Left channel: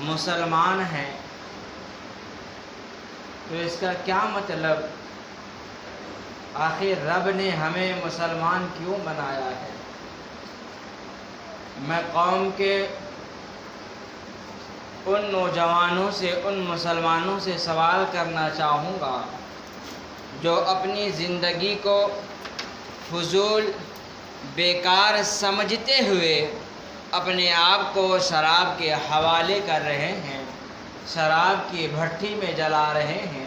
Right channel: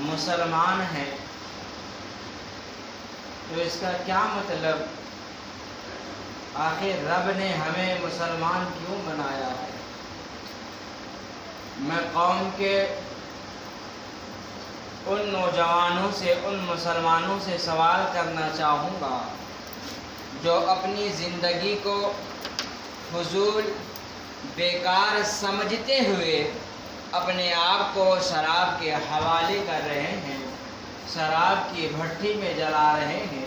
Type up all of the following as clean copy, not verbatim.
مسلمان ہیں تو اس کا کیا مطلب؟ آخر رب نے ہمیں مسلمان کیوں بنایا ہے؟ میں قوم کے ان نوجوانوں سے، ان مسلمانوں سے سوال کرنا چاہوں گا جو اپنی زندگی کو فضول بیکار سمجھتے ہوئے اپنے آپ کو شراب کے حوالے کر رہے ہیں، شراب کی بھٹی میں جلا رہے ہیں،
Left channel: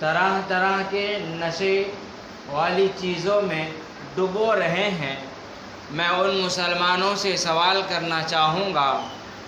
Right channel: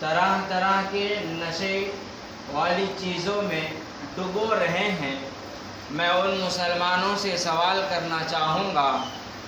طرح طرح کے نشے والی چیزوں میں ڈبو رہے ہیں۔ میں ان مسلمانوں سے سوال کرنا چاہوں گا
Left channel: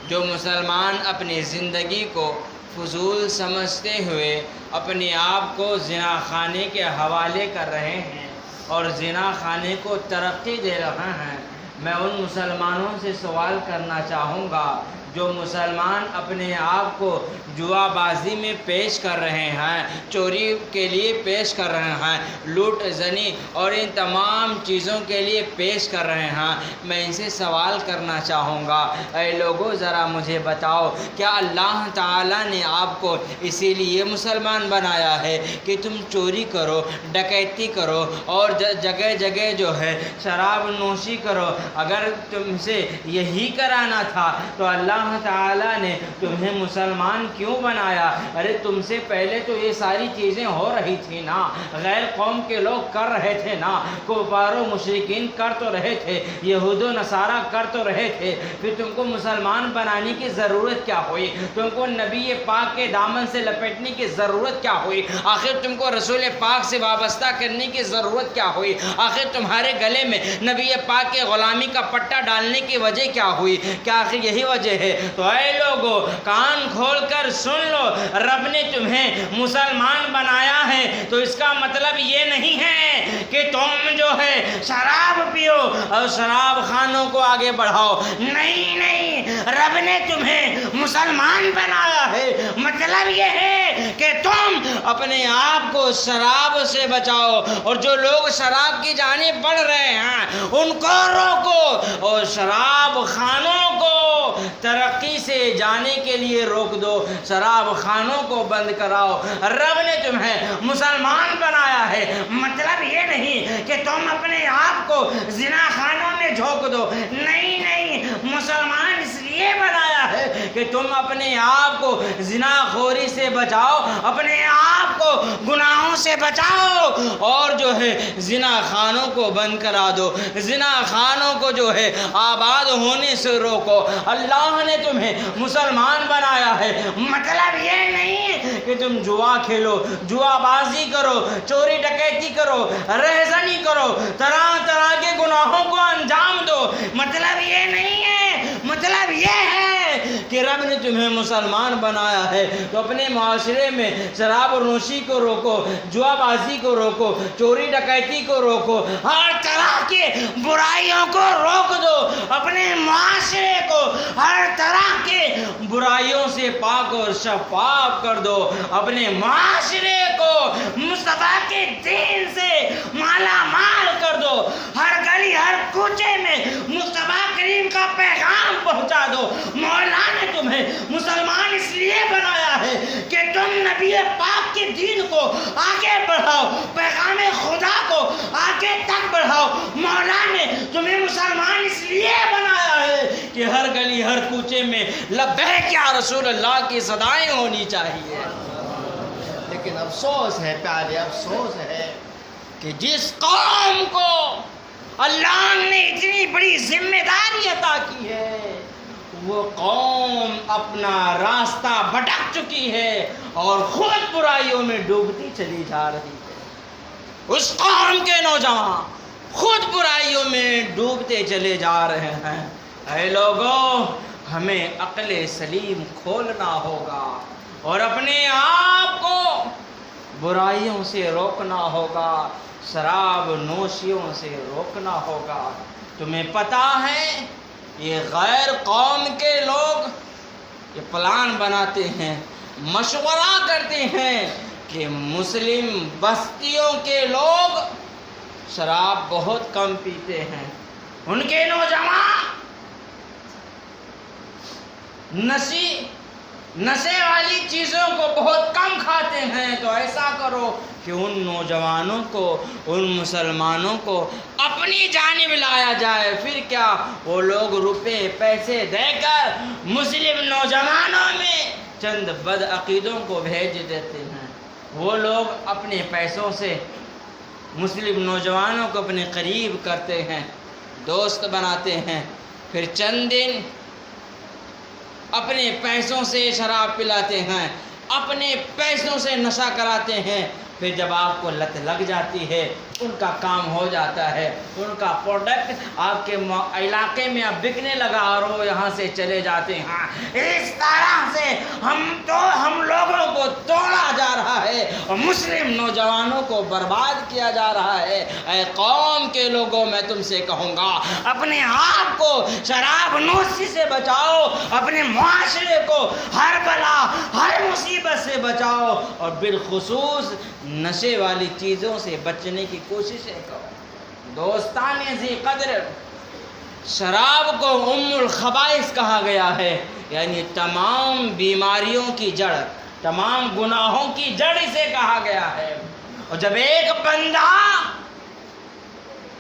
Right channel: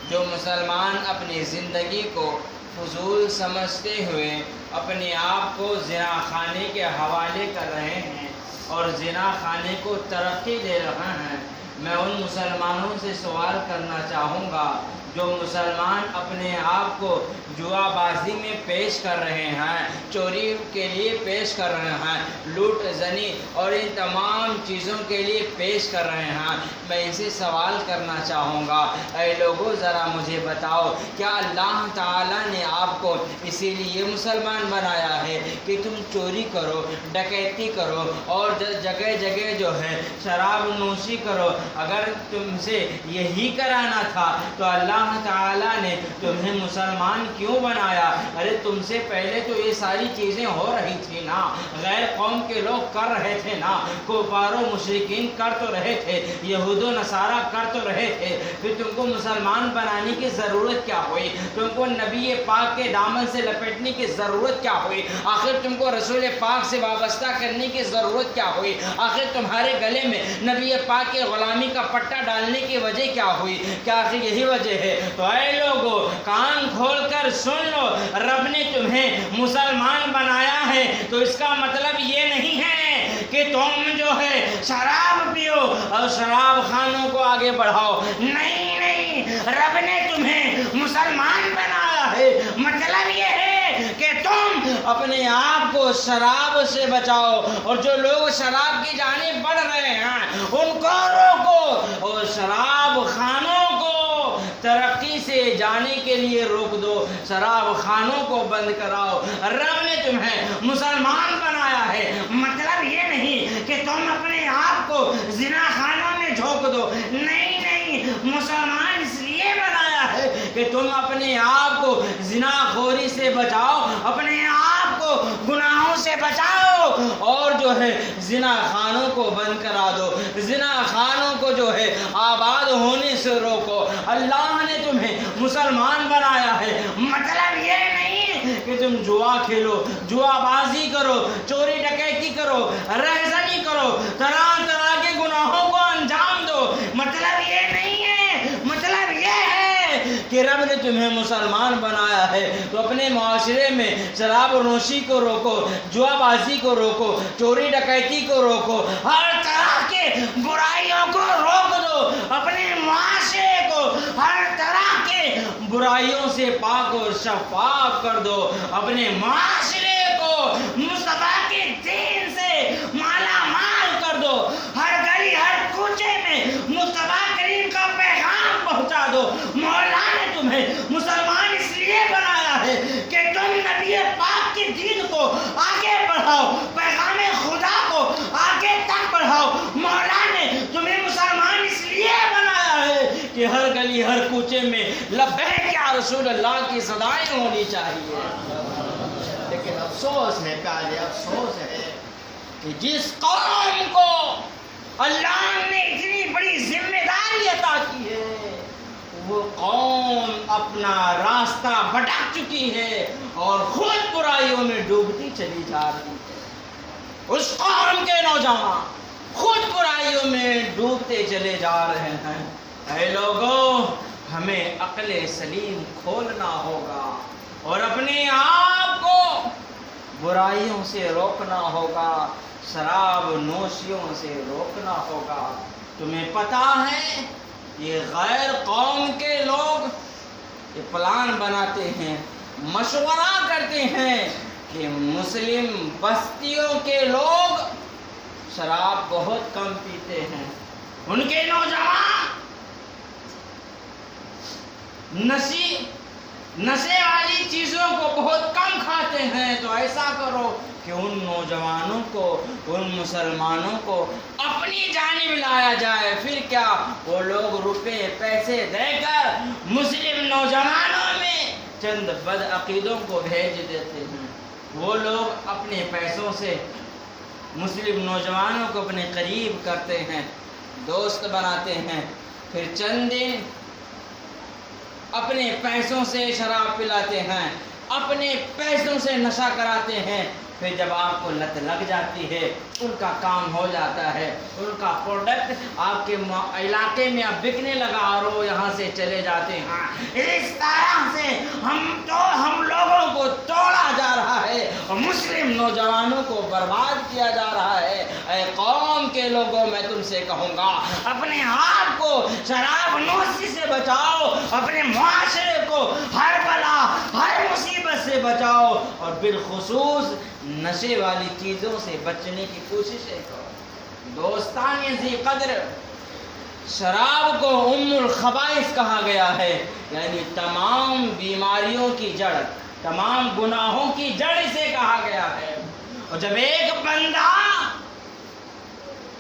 جو مسلمان اپنی زندگی کو فضول سمجھتے ہوئے اپنے آپ کو زنا خانے کے حوالے کر رہے ہیں اور زنا خانے کو ترقی دے رہے ہیں۔ میں ان مسلمانوں سے سوال کرنا چاہوں گا جو مسلمان اپنے آپ کو جوا بازی میں پیش کر رہے ہیں، چوری کے لیے پیش کر رہے ہیں، لوٹ زنی اور ان تمام چیزوں کے لیے پیش کر رہے ہیں۔ میں ان سے سوال کرنا چاہوں گا، اے لوگوں ذرا مجھے بتاؤ، کیا اللہ تعالیٰ نے آپ کو اسی لیے مسلمان بنایا ہے کہ تم چوری کرو، ڈکیتی کرو اور جگہ جگہ جو ہے شراب نوشی کرو؟ اگر تم سے یہی کرانا تھا تو اللہ تعالیٰ نے تمہیں مسلمان کیوں بنایا؟ ارے تم سے پہلے تو یہ ساری چیزیں ہو رہی تھی نا، غیر قوم کے لوگ کر رہے تھے نا، کفار و مشرکین کر تو رہے تھے، یہود و نصارہ کر تو رہے تھے، پھر تم کو مسلمان بنانے کی ضرورت کیا ہوئی؟ تم کو نبی پاک کے دامن سے لپٹنے کی ضرورت کیا ہوئی؟ آخر تم کو رسول پاک سے وابستہ کرنے کی ضرورت کیا ہوئی؟ آخر تمہارے گلے میں نبی پاک کے غلامی کا پٹا ڈالنے کی وجہ کیا ہوئی؟ کیا آخر یہی وجہ ہے؟ تو اے لوگو کان کھول کر سن لو، رب نے تمہیں مسلمان بنایا ہے تو اس کا مطلب یہ نہیں ہے کہ تم جو ہے شراب پیو اور شراب خانوں کو آگے بڑھاؤ۔ نہیں نہیں، رب نے تمہیں مسلمان بنایا ہے، مطلب یہ ہے کہ تم اپنے آپ کو شراب سے بچاؤ اور جو لوگ شراب کی جانب بڑھ رہے ہیں ان کو روکو اور شراب خانوں کو ترقی سے جانے کے لیے روک دو، شراب خانوں کو بند کراؤ۔ رب نے تمہیں مسلمان بنایا ہے، مطلب یہ نہیں کہ تم اپنے آپ کو زنا خانوں میں جھونک دو۔ نہیں نہیں، مسلمان اس لیے بنایا ہے کہ تم اپنے آپ کو زنا خوری سے بچاؤ، اپنے آپ کو گناہوں سے بچاؤ اور جو ہے زنا خانوں کو بند کرا دو، زنا خانوں کو جو ہے آباد ہونے سے روکو۔ اللہ نے تمہیں مسلمان بنایا ہے، مطلب یہ نہیں کہ تم جوا کھیلو، جوا بازی کرو، چوری ڈکیتی کرو، رہزنی کرو، طرح طرح کے گناہوں کو انجام دو۔ مطلب یہ نہیں ہے، مطلب یہ ہے کہ رب نے تمہیں مسلمان بنایا ہے تو اپنے معاشرے میں شراب نوشی کو روکو، جوا بازی کو روکو، چوری ڈکیتی کو روکو، ہر طرح کے برائیوں کو روک دو، اپنے معاشرے کو ہر طرح کے برائیوں سے پاک اور شفاف کر دو، اپنے معاشرے کو مصطفیٰ کے دین سے مالا مال کر دو، ہر گلی ہر کوچے میں مصطفیٰ کریم کا پیغام پہنچا دو۔ مولا نے تمہیں مسلمان اس لیے بنایا ہے کہ تم نبی پاک کے دین کو آگے بڑھاؤ، پیغام خدا کو آگے تک بڑھاؤ۔ مولا نے تمہیں مسلمان اس لیے بنایا ہے کہ ہر گلی ہر کوچے میں لبیک یا رسول اللہ کی صدائیں ہونی چاہیے۔ لیکن افسوس ہے پیارے، افسوس ہے کہ جس قوم کو اللہ نے اتنی بڑی ذمہ داری عطا کی ہے وہ قوم اپنا راستہ بھٹک چکی ہے اور خود برائیوں میں ڈوبتی چلی جا رہی ہے۔ اس قوم کے نوجوان خود برائیوں میں ڈوبتے چلے جا رہے ہیں۔ اے لوگوں، ہمیں عقل سلیم کھولنا ہوگا اور اپنے آپ کو برائیوں سے روکنا ہوگا، شراب نوشیوں سے روکنا ہوگا۔ تمہیں پتا ہے یہ غیر قوم کے لوگ یہ پلان بناتے ہیں، مشورہ کرتے ہیں کہ مسلم بستیوں کے لوگ شراب بہت کم پیتے ہیں، ان کے نوجوان نشی نشے والی چیزوں کو بہت کم کھاتے ہیں، تو ایسا کرو کہ ان نوجوانوں کو، ان مسلمانوں کو اپنی جانب لایا جائے۔ پھر کیا، وہ لوگ روپے پیسے دے کر مسلم نوجوانوں میں چند بدعقیدوں کو بھیج دیتے ہیں۔ وہ لوگ اپنے پیسوں سے مسلم نوجوانوں کو اپنے قریب کرتے ہیں، دوست بناتے ہیں، پھر چند دن اپنے پیسوں سے شراب پلاتے ہیں، اپنے پیسوں سے نشہ کراتے ہیں، پھر جب آپ کو لت لگ جاتی ہے، ان کا کام ہو جاتا ہے، ان کا پروڈکٹ آپ کے علاقے میں اب بکنے لگا اور وہ یہاں سے چلے جاتے ہیں۔ اس طرح سے ہم لوگوں کو توڑا جا رہا ہے اور مسلم نوجوانوں کو برباد کیا جا رہا ہے۔ اے قوم کے لوگوں، میں تم سے کہوں گا، اپنے آپ کو شراب نوشی سے بچاؤ، اپنے معاشرے کو ہر بلا ہر مصیبت سے بچاؤ، اور بالخصوص نشے والی چیزوں سے بچنے کی کوششیں کرو۔ دوستان ذی قدر، شراب کو ام الخبائث کہا گیا ہے، یعنی تمام بیماریوں کی جڑ، تمام گناہوں کی جڑ اسے کہا گیا ہے۔ اور جب ایک بندہ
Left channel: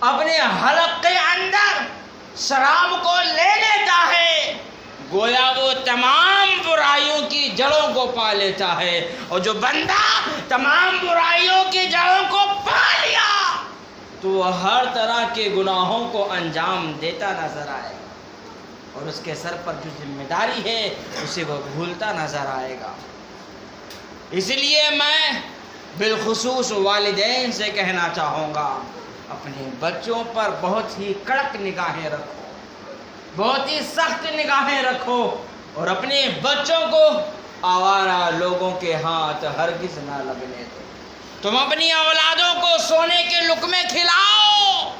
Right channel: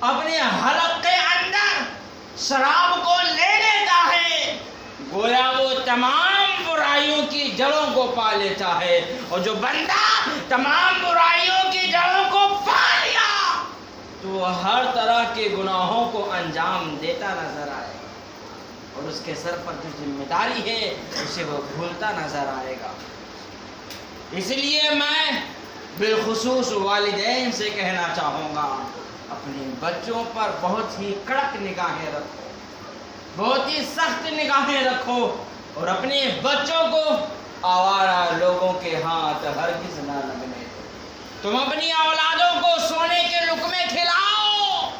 اپنے حلق کے اندر شراب کو لے لیتا ہے، گویا وہ تمام برائیوں کی جڑوں کو پا لیتا ہے، اور جو بندہ تمام برائیوں کی جڑوں کو پا لیا تو وہ ہر طرح کے گناہوں کو انجام دیتا نظر آئے گا، اور اس کے سر پر جو ذمہ داری ہے اسے وہ بھولتا نظر آئے گا۔ اس لیے میں بالخصوص والدین سے کہنا چاہوں گا، اپنے بچوں پر بہت ہی کڑک نگاہیں رکھو، بہت ہی سخت نگاہیں رکھو، اور اپنے بچوں کو آوارہ لوگوں کے ہاتھ ہرگز نہ لگنے دو۔ تم اپنی اولادوں کو سونے کے لقمے کھلاؤ،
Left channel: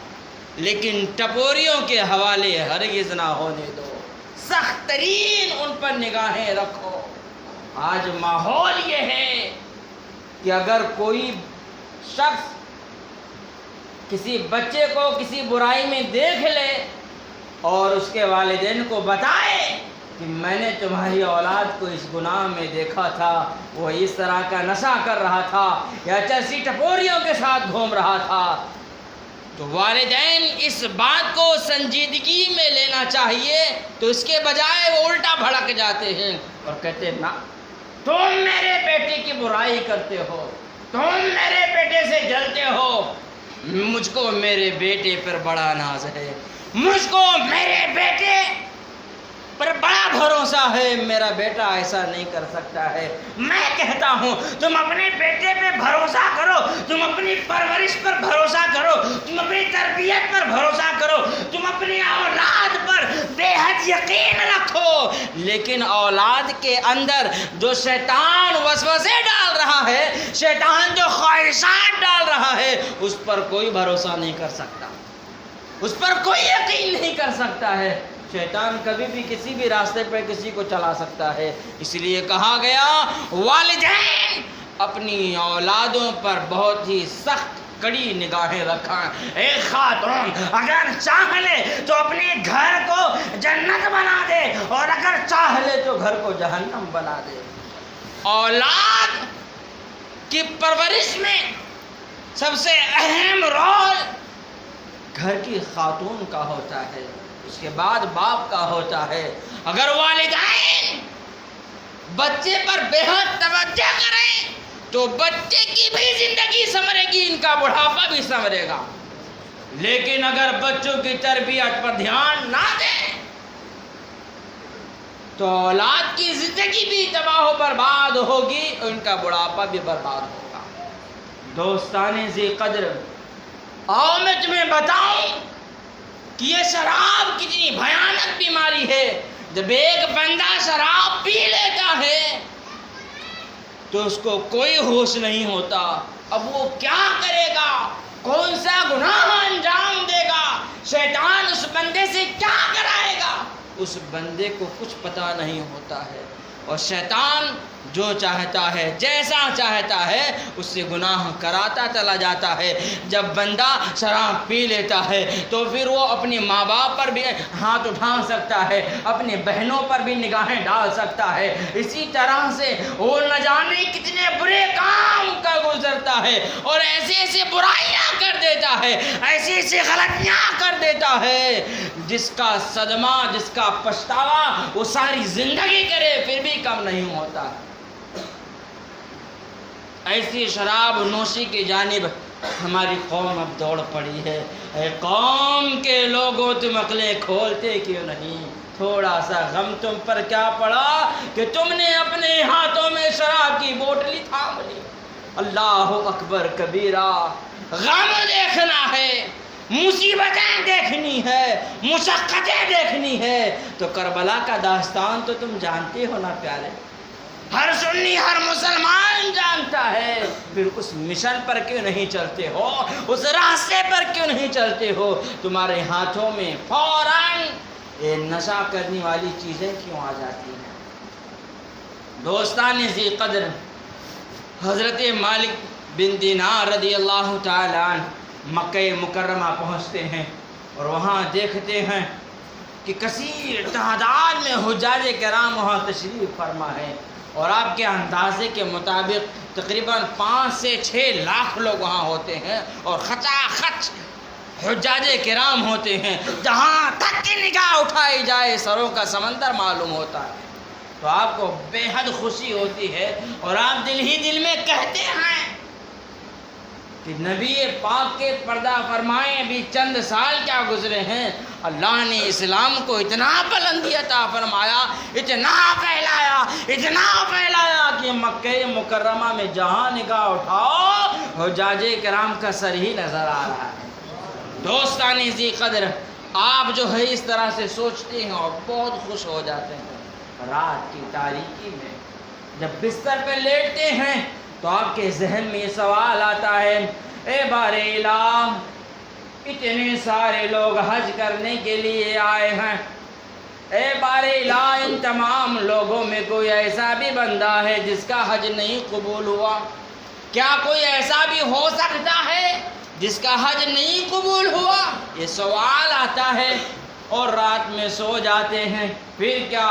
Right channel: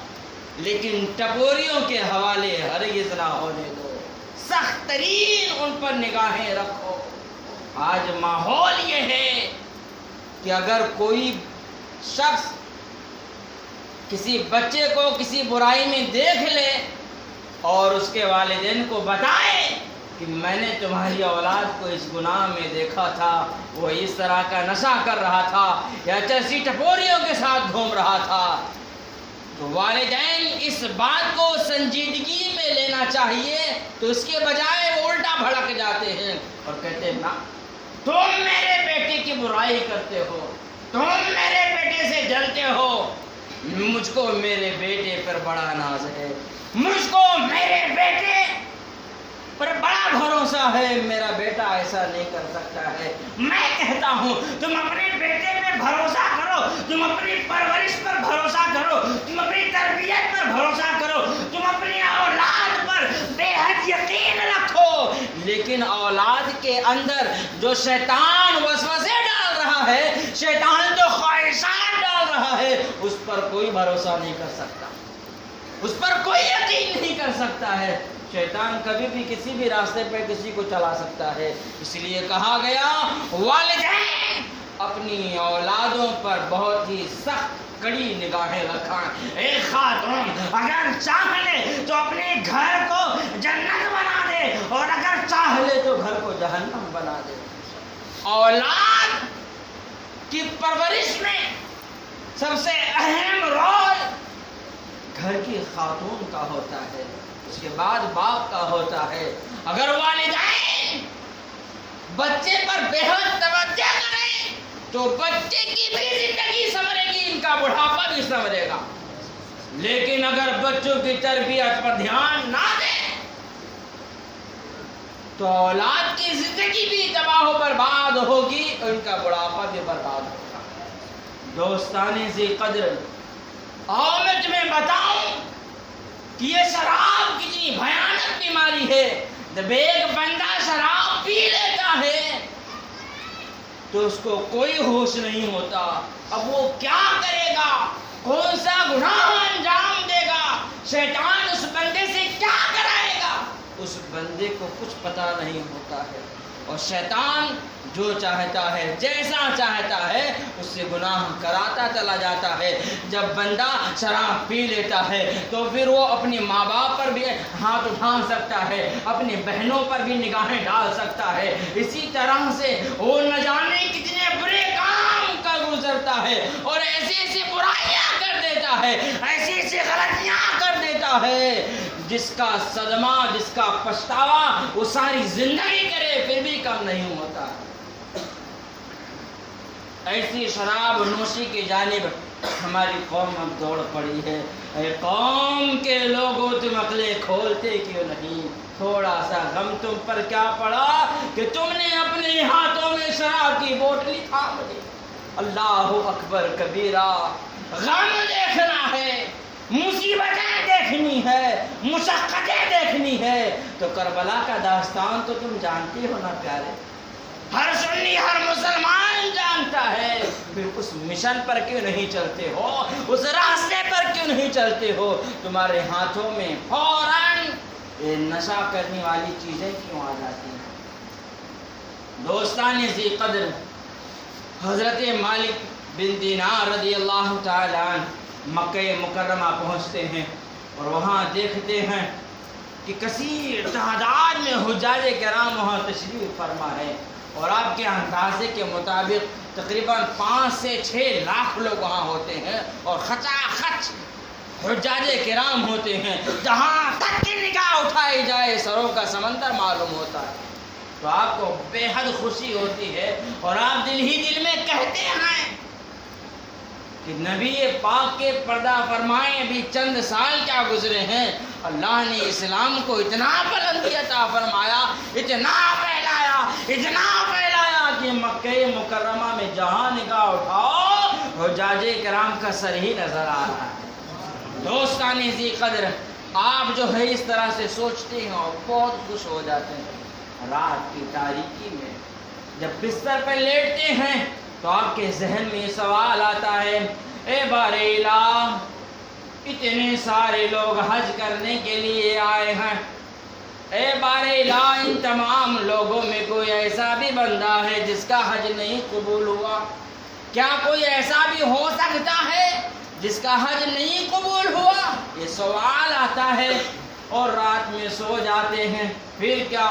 لیکن ٹپوریوں کے حوالے ہرگز نہ ہونے دو، سخت ترین ان پر نگاہیں رکھو۔ آج ماحول یہ ہے کہ اگر کوئی شخص کسی بچے کو کسی برائی میں دیکھ لے اور اس کے والدین کو بتائے کہ میں نے تمہاری اولاد کو اس گناہ میں دیکھا تھا، وہ اس طرح کا نشہ کر رہا تھا یا چرسی ٹپوریوں کے ساتھ گھوم رہا تھا، تو والدین اس بات کو سنجیدگی میں لینا چاہیے، تو اس کے بجائے وہ الٹا بھڑک جاتے ہیں اور کہتے ہیں، نا تم میرے بیٹے کی برائی کرتے ہو، تم میرے بیٹے سے جلتے ہو، مجھ کو میرے بیٹے پر بڑا ناز ہے، مجھ کو میرے بیٹے پر بڑا بھروسہ ہے، میرا بیٹا ایسا نہیں کر سکتا ہے۔ میں کہتا ہوں تم اپنے بیٹے پہ بھروسہ کرو، تم اپنی پرورش پر بھروسہ کرو، تم اپنی تربیت پر بھروسہ کرو، تم اپنی اولاد پر بے حد یقین رکھو، لیکن اولاد کے اندر جو شیطان وسوسے ڈال رہا ہے، شیطان جو خواہشات ڈال رہا ہے، اس پر کوئی بھروسہ نہیں کر سکتا، اس پر کوئی یقین نہیں کر سکتا ہے۔ شیطان کبھی بھی کسی بھی راستے پہ کسی کو چلا سکتا ہے، اس لیے کہا گیا والدین اپنی اولادوں پر بہت ہی سخت کڑی نگاہیں رکھیں۔ ایک خاتون اگر چاہ لے تو اپنے گھر کو جنت بنا دے، اور اگر چاہ لے تو گھر کو جہنم بنا دے۔ اولاد کی پرورش میں سب سے اہم رول گھر کی خاتون کا ہوتا ہے، اس کے بعد باپ کا ہوتا ہے۔ اگر والدین بچے پر بے حد توجہ کریں تو بچے کی بھی زندگی سنورے گی، ان کا بڑھاپا بھی سنورے گا، لیکن اگر بچوں کی تربیت پر دھیان نہ دیں تو اولاد کی زندگی بھی تباہ و برباد ہوگی، ان کا بڑھاپا بھی برباد ہوگا۔ دوستان ذی قدر، آؤ میں تمہیں بتاؤں کہ یہ شراب کتنی بھیانک بیماری ہے۔ جب ایک بندہ شراب پی لیتا ہے تو اس کو کوئی ہوش نہیں ہوتا، اب وہ کیا کرے گا، کون سا گناہ انجام دے گا، شیطان اس بندے سے کیا کرائے گا، اس بندے کو کچھ پتہ نہیں ہوتا ہے۔ اور شیطان جو چاہتا ہے جیسا چاہتا ہے اس سے گناہ کراتا چلا جاتا ہے۔ جب بندہ شراب پی لیتا ہے تو پھر وہ اپنے ماں باپ پر بھی ہاتھ اٹھا سکتا ہے، اپنی بہنوں پر بھی نگاہیں ڈال سکتا ہے، اسی طرح سے وہ نہ جانے کتنے برے کام کا گزرتا ہے اور ایسے ایسے برائیاں کر دیتا ہے، ایسی ایسی غلطیاں کر دیتا ہے جس کا صدمہ، جس کا پچھتاوا وہ ساری زندگی کرے پھر بھی کم نہیں ہوتا۔ ایسی شراب نوشی کی جانب ہماری قوم اب دوڑ پڑی ہے۔ اے قوم کے لوگوں تم عقلیں کھولتے کیوں نہیں؟ تھوڑا سا غم تم پر کیا پڑا کہ تم نے اپنے ہاتھوں میں شراب کی بوتلی تھام لی۔ اللہ اکبر کبیرہ، غم دیکھنا ہے، مصیبتیں دیکھنی ہے، مشقتیں دیکھنی ہے تو کربلا کا داستان تو تم جانتے ہو نا پیارے، ہر سنی ہر مسلمان جانتا ہے، پھر اس مشن پر کیوں نہیں چلتے ہو؟ اس راستے پر کیوں نہیں چلتے ہو؟ تمہارے ہاتھوں میں فوراً یہ نشہ کرنے والی چیزیں کیوں آ جاتی ہیں؟ دوستان ذی قدر، حضرت مالک بن دینار رضی اللہ تعالی عنہ مکہ مکرمہ پہنچتے ہیں اور وہاں دیکھتے ہیں کہ کثیر تعداد میں حجاج کرام وہاں تشریف فرما ہے اور آپ کے اندازے کے مطابق تقریباً 5 سے 6 لاکھ لوگ وہاں ہوتے ہیں اور خچا خچ حجاج کرام ہوتے ہیں، جہاں تک کی نگاہ اٹھائی جائے سروں کا سمندر معلوم ہوتا ہے۔ تو آپ کو بے حد خوشی ہوتی ہے اور آپ دل ہی دل میں کہتے ہیں کہ نبی پاک کے پردہ فرمائے ابھی چند سال کیا گزرے ہیں، اللہ نے اسلام کو اتنا بلندی عطا فرمایا، اتنا پھیلایا کہ مکہ مکرمہ میں جہاں نگاہ اٹھاؤ حجاج کرام کا سر ہی نظر آ رہا ہے۔ دوستان ذی قدر، آپ جو ہے اس طرح سے سوچتے ہیں اور بہت خوش ہو جاتے ہیں۔ رات کی تاریکی میں جب بستر پہ لیٹتے ہیں تو آپ کے ذہن میں یہ سوال آتا ہے، اے بار الہ، اتنے سارے لوگ حج کرنے کے لیے آئے ہیں، اے بار الہ ان تمام لوگوں میں کوئی ایسا بھی بندہ ہے جس کا حج نہیں قبول ہوا؟ کیا کوئی ایسا بھی ہو سکتا ہے جس کا حج نہیں قبول ہوا؟ یہ سوال آتا ہے اور رات میں سو جاتے ہیں۔ پھر کیا؟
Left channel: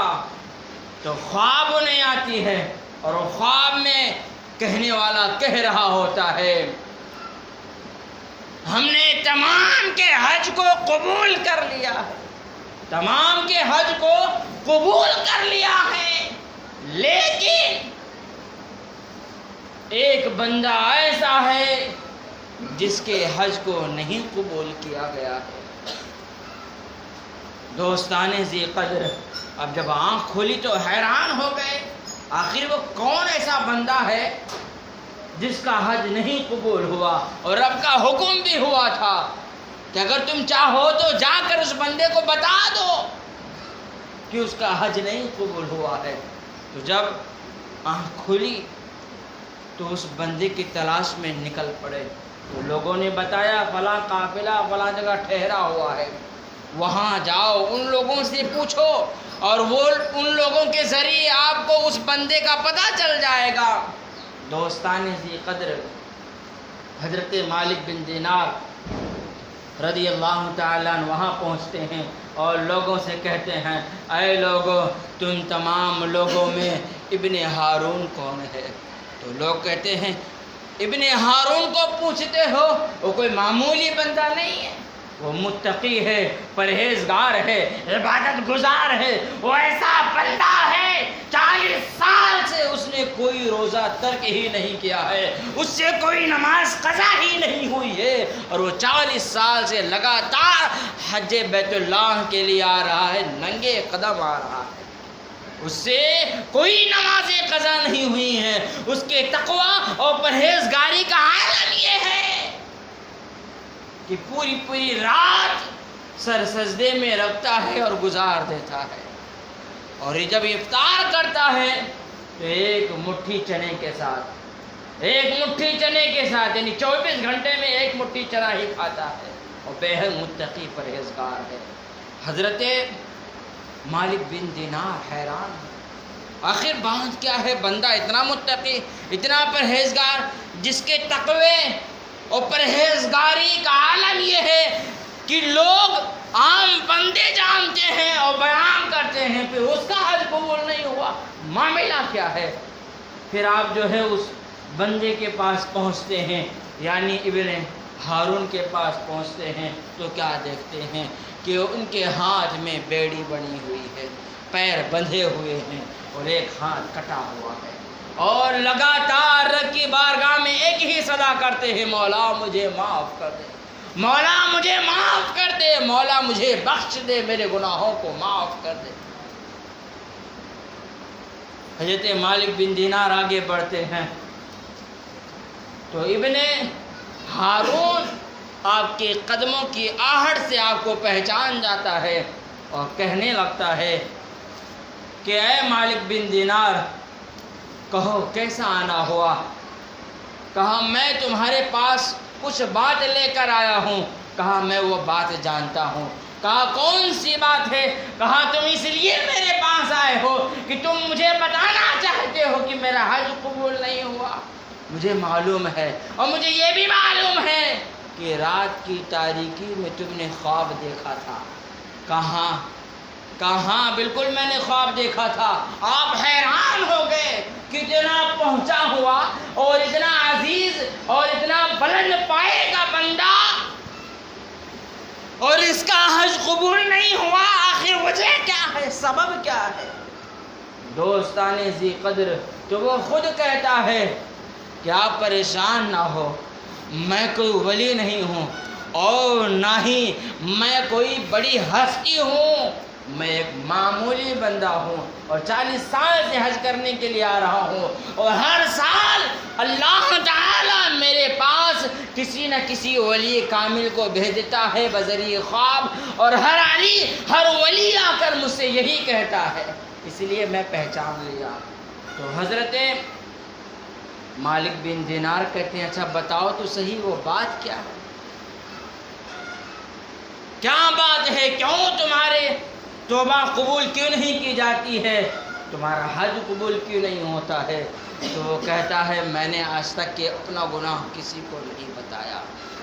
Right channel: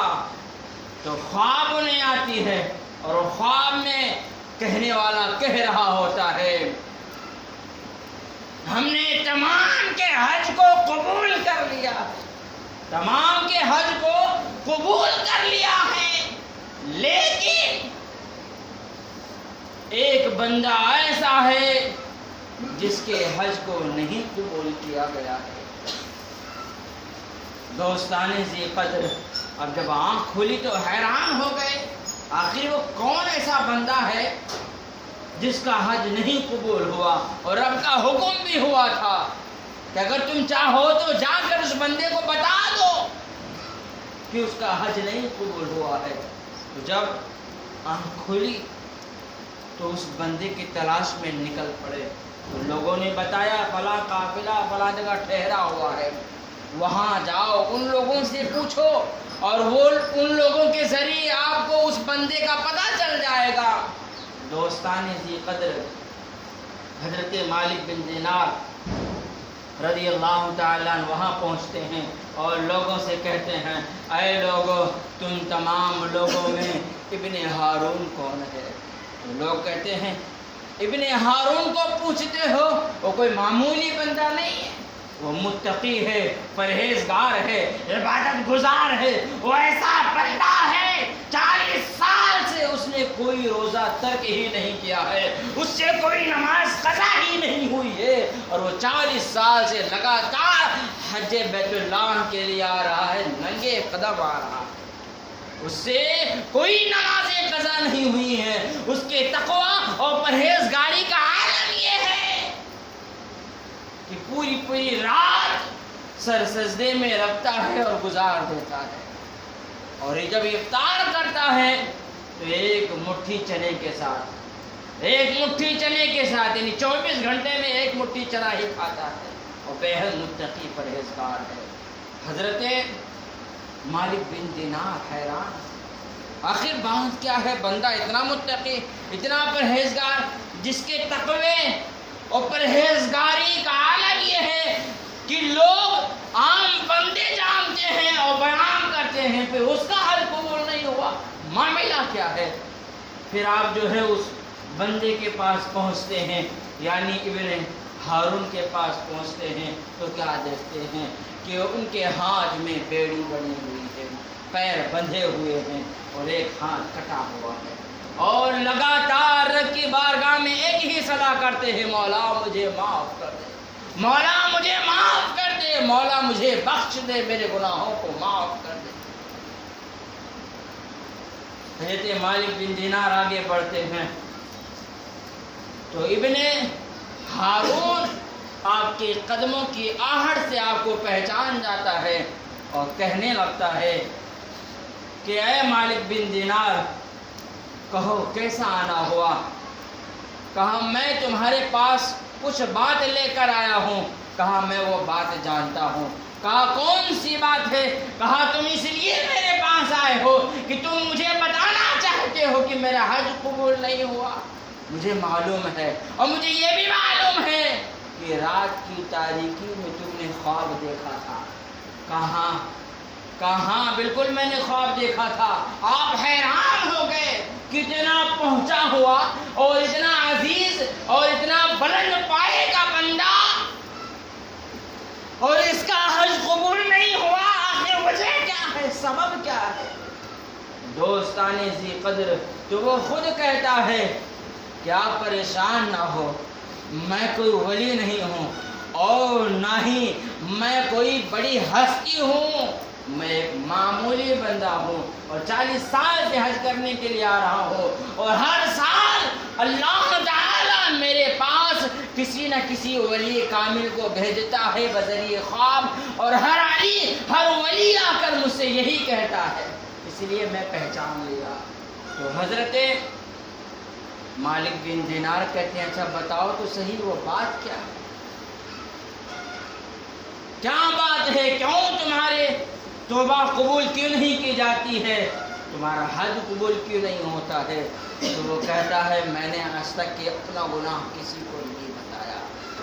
تو خواب انہیں آتی ہے اور خواب میں کہنے والا کہہ رہا ہوتا ہے، ہم نے تمام کے حج کو قبول کر لیا ہے، تمام کے حج کو قبول کر لیا ہے، لیکن ایک بندہ ایسا ہے جس کے حج کو نہیں قبول کیا گیا ہے۔ دوستان ذی قدر، اب جب آنکھ کھلی تو حیران ہو گئے، آخر وہ کون ایسا بندہ ہے جس کا حج نہیں قبول ہوا؟ اور رب کا حکم بھی ہوا تھا کہ اگر تم چاہو تو جا کر اس بندے کو بتا دو کہ اس کا حج نہیں قبول ہوا ہے۔ تو جب آنکھ کھلی تو اس بندے کی تلاش میں نکل پڑے۔ لوگوں نے بتایا فلاں قافلہ فلاں جگہ ٹھہرا ہوا ہے، وہاں جاؤ، ان لوگوں سے پوچھو اور وہ ان لوگوں کے ذریعے آپ کو اس بندے کا پتہ چل جائے گا۔ دوستان ذی قدر، حضرت مالک بن دینار رضی اللہ تعالیٰ عنہ وہاں پہنچتے ہیں اور لوگوں سے کہتے ہیں، اے لوگو، تم تمام لوگوں میں ابن ہارون کون ہے؟ تو لوگ کہتے ہیں، ابن ہارون کو پوچھتے ہو؟ وہ کوئی معمولی بندہ نہیں ہے، وہ متقی ہے، پرہیزگار ہے، عبادت گزار ہے، وہ ایسا بندہ ہے 40 سال سے اس نے کوئی روزہ ترک ہی نہیں کیا ہے، اس سے کوئی نماز قضا ہی نہیں ہوئی ہے، اور وہ 40 سال سے لگاتار حج بیت اللہ کے لیے آ رہا ہے، ننگے قدم آ رہا ہے، اس سے کوئی نماز قضا نہیں ہوئی ہے۔ اس کے تقوی اور پرہیزگاری کا عالم یہ ہے کہ پوری رات سر سجدے میں رکھتا ہے اور گزار دیتا ہے، اور یہ جب افطار کرتا ہے تو ایک مٹھی چنے کے ساتھ یعنی 24 گھنٹے میں ایک مٹھی چنا ہی کھاتا ہے، اور بے حد متقی پرہیزگار ہے۔ حضرت مالک بن دینار حیران، آخر بات کیا ہے؟ بندہ اتنا متقی، اتنا پرہیزگار، جس کے تقوی اور پرہیزگاری کا عالم یہ ہے کہ لوگ عام بندے جانتے ہیں اور بیان کرتے ہیں، پھر اس کا حج قبول نہیں ہوا، معاملہ کیا ہے؟ پھر آپ جو ہے اس بندے کے پاس پہنچتے ہیں، یعنی ابن ہارون کے پاس پہنچتے ہیں، تو کیا دیکھتے ہیں کہ ان کے ہاتھ میں بیڑی بنی ہوئی ہے، پیر بندھے ہوئے ہیں اور ایک ہاتھ کٹا ہوا ہے، اور لگاتار رب کی بارگاہ میں ایک ہی صدا کرتے ہیں، مولا مجھے معاف کر دے، مولا مجھے معاف کر دے، مولا مجھے بخش دے، میرے گناہوں کو معاف کر دے۔ حضرت مالک بن دینار آگے بڑھتے ہیں تو ابن ہارون آپ کے قدموں کی آہٹ سے آپ کو پہچان جاتا ہے اور کہنے لگتا ہے کہ اے مالک بن دینار، کہو کیسا آنا ہوا؟ کہا میں تمہارے پاس کچھ بات لے کر آیا ہوں، کہا میں وہ بات جانتا ہوں، کہا کون سی بات ہے؟ کہا تم اس لیے میرے پاس آئے ہو کہ تم مجھے بتانا چاہتے ہو کہ میرا حج قبول نہیں ہوا، مجھے معلوم ہے اور مجھے یہ بھی معلوم ہے کہ رات کی تاریکی میں تم نے خواب دیکھا تھا۔ کہاں؟ کہاں؟ بالکل میں نے خواب دیکھا تھا۔ آپ حیران ہو گئے کہ اتنا پہنچا ہوا اور اتنا عزیز اور اتنا بلند پائے کا بندہ اور اس کا حج قبول نہیں ہوا، آخر وجہ کیا ہے؟ سبب کیا ہے؟ دوستان ذی قدر، تو وہ خود کہتا ہے کہ آپ پریشان نہ ہو، میں کوئی ولی نہیں ہوں اور نہ ہی میں کوئی بڑی ہستی ہوں، میں ایک معمولی بندہ ہوں اور 40 سال سے حج کرنے کے لیے آ رہا ہوں، اور ہر سال اللہ تعالی میرے پاس کسی نہ کسی ولی کامل کو بھیجتا ہے بذریعہ خواب، اور ہر ولی آ کر مجھ سے یہی کہتا ہے، اس لیے میں پہچان لیا۔ تو حضرت مالک بن دینار کہتے ہیں اچھا بتاؤ تو صحیح وہ بات کیا بات ہے؟ کیوں تمہارے توبہ قبول کیوں نہیں کی جاتی ہے؟ تمہارا حج قبول کیوں نہیں ہوتا ہے؟ تو وہ کہتا ہے میں نے آج تک کہ اپنا گناہ کسی کو نہیں بتایا،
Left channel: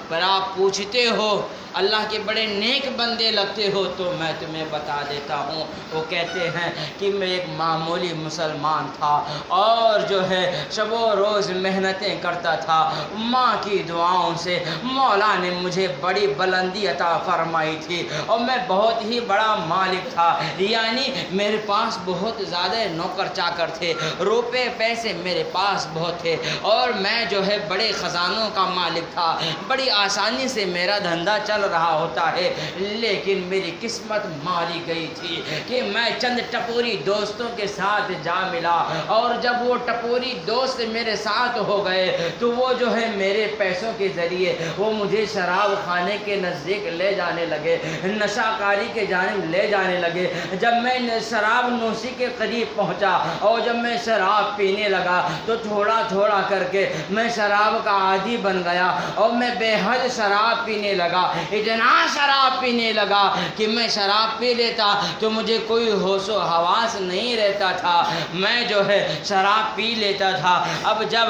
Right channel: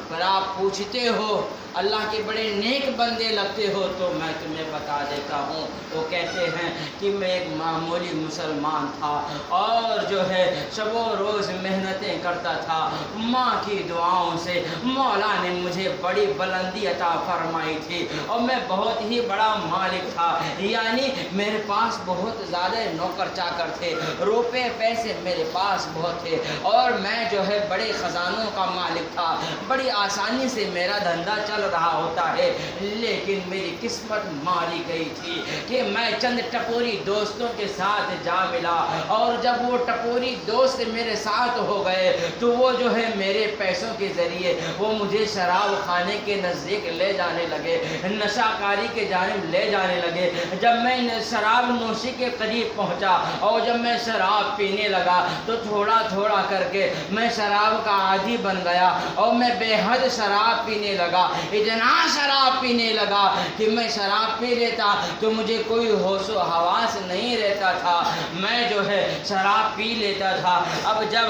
پر آپ پوچھتے ہو، اللہ کے بڑے نیک بندے لگتے ہو تو میں تمہیں بتا دیتا ہوں۔ وہ کہتے ہیں کہ میں ایک معمولی مسلمان تھا اور جو ہے شب و روز محنتیں کرتا تھا، ماں کی دعاؤں سے مولا نے مجھے بڑی بلندی عطا فرمائی تھی اور میں بہت ہی بڑا مالک تھا، یعنی میرے پاس بہت زیادہ نوکر چاکر تھے، روپے پیسے میرے پاس بہت تھے اور میں جو ہے بڑے خزانوں کا مالک تھا، بڑی آسانی سے میرا دھندا چل رہا ہوتا ہے، لیکن میری قسمت ماری گئی تھی کہ میں چند ٹپوری دوستوں کے ساتھ جا ملا، اور جب وہ ٹپوری دوست میرے ساتھ ہو گئے تو وہ جو ہے میرے پیسوں کے ذریعے وہ مجھے شراب خانے کے نزدیک لے جانے لگے، نشہ کاری کے جانب لے جانے لگے۔ جب میں شراب نوشی کے قریب پہنچا اور جب میں شراب پینے لگا تو تھوڑا تھوڑا کر کے میں شراب کا عادی بن گیا اور میں بے حد شراب پینے لگا، اتنا شراب پینے لگا کہ میں شراب پی لیتا تو مجھے کوئی ہوش و حواس نہیں رہتا تھا، میں جو ہے شراب پی لیتا تھا۔ اب جب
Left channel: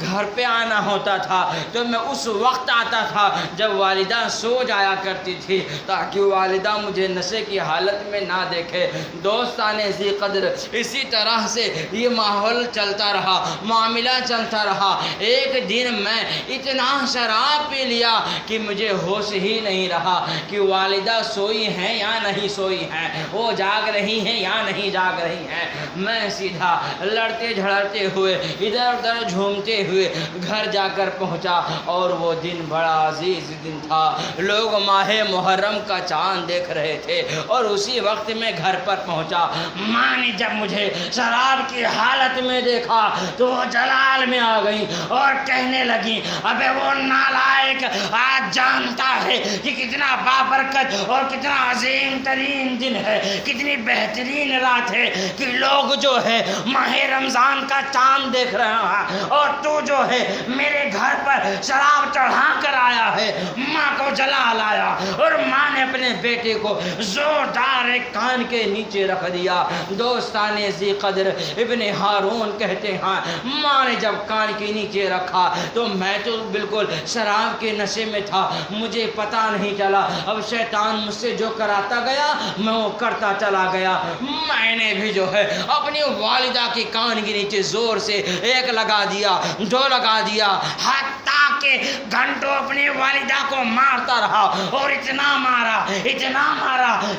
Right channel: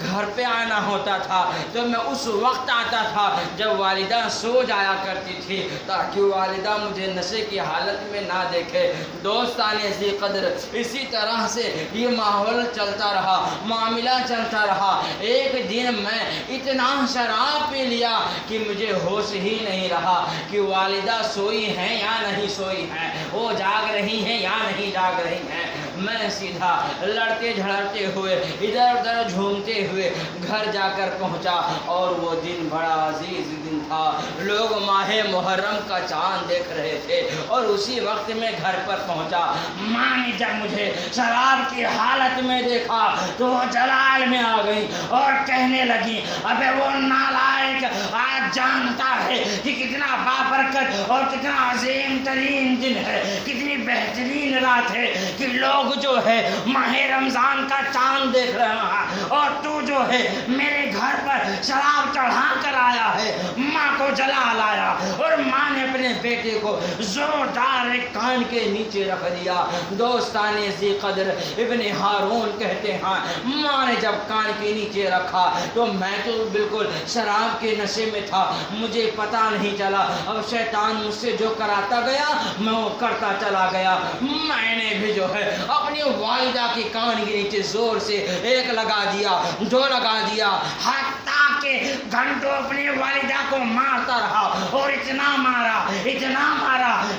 گھر پہ آنا ہوتا تھا تو میں اس وقت آتا تھا جب والدہ سو جایا کرتی تھی تاکہ والدہ مجھے نشے کی حالت میں نہ دیکھے۔ دوستان ذی قدر، اسی طرح سے یہ ماحول چلتا رہا، معاملہ چلتا رہا۔ ایک دن میں اتنا شراب پی لیا کہ مجھے ہوش ہی نہیں رہا کہ والدہ سوئی ہیں یا نہیں سوئی ہیں، وہ جاگ رہی ہیں یا نہیں جاگ رہی ہیں۔ میں سیدھا لڑتے جھڑتے ہوئے ادھر ادھر جھومتے ہوئے گھر جا کر پہنچا، اور وہ دن بڑا عزیز دن تھا، لوگ ماہ محرم کا چاند دیکھ رہے تھے، اور اسی وقت میں گھر پر پہنچا۔ ماں نے جب مجھے شراب کی حالت میں دیکھا تو وہ جلال میں آ گئی اور کہنے لگی ابے وہ نالائق آج جانتا ہے کہ کتنا بابرکت اور کتنا عظیم ترین دن ہے، کتنی بہترین رات ہے کہ لوگ جو ہے ماہ رمضان کا چاند دیکھ رہا ہے اور تو جو ہے میرے گھر پر شراب چڑھا کر آیا ہے۔ ماں کو جلال آیا اور ماں نے اپنے بیٹے بیٹے کو زوردار ایک کان کے نیچے رکھ دیا۔ دوستان ذی قدر ابن ہارون کہتے ہیں ماں نے جب کان کے نیچے رکھا تو میں تو بالکل شراب کے نشے میں تھا، مجھے پتہ نہیں چلا۔ اب شیطان مجھ سے جو کراتا گیا میں وہ کرتا چلا گیا۔ میں نے بھی جو ہے اپنی والدہ کے کان کے نیچے زور سے ایک لگا دیا، دو لگا دیا، حتیٰ کہ گھنٹوں اپنی والدہ کو مارتا رہا، اور اتنا مارا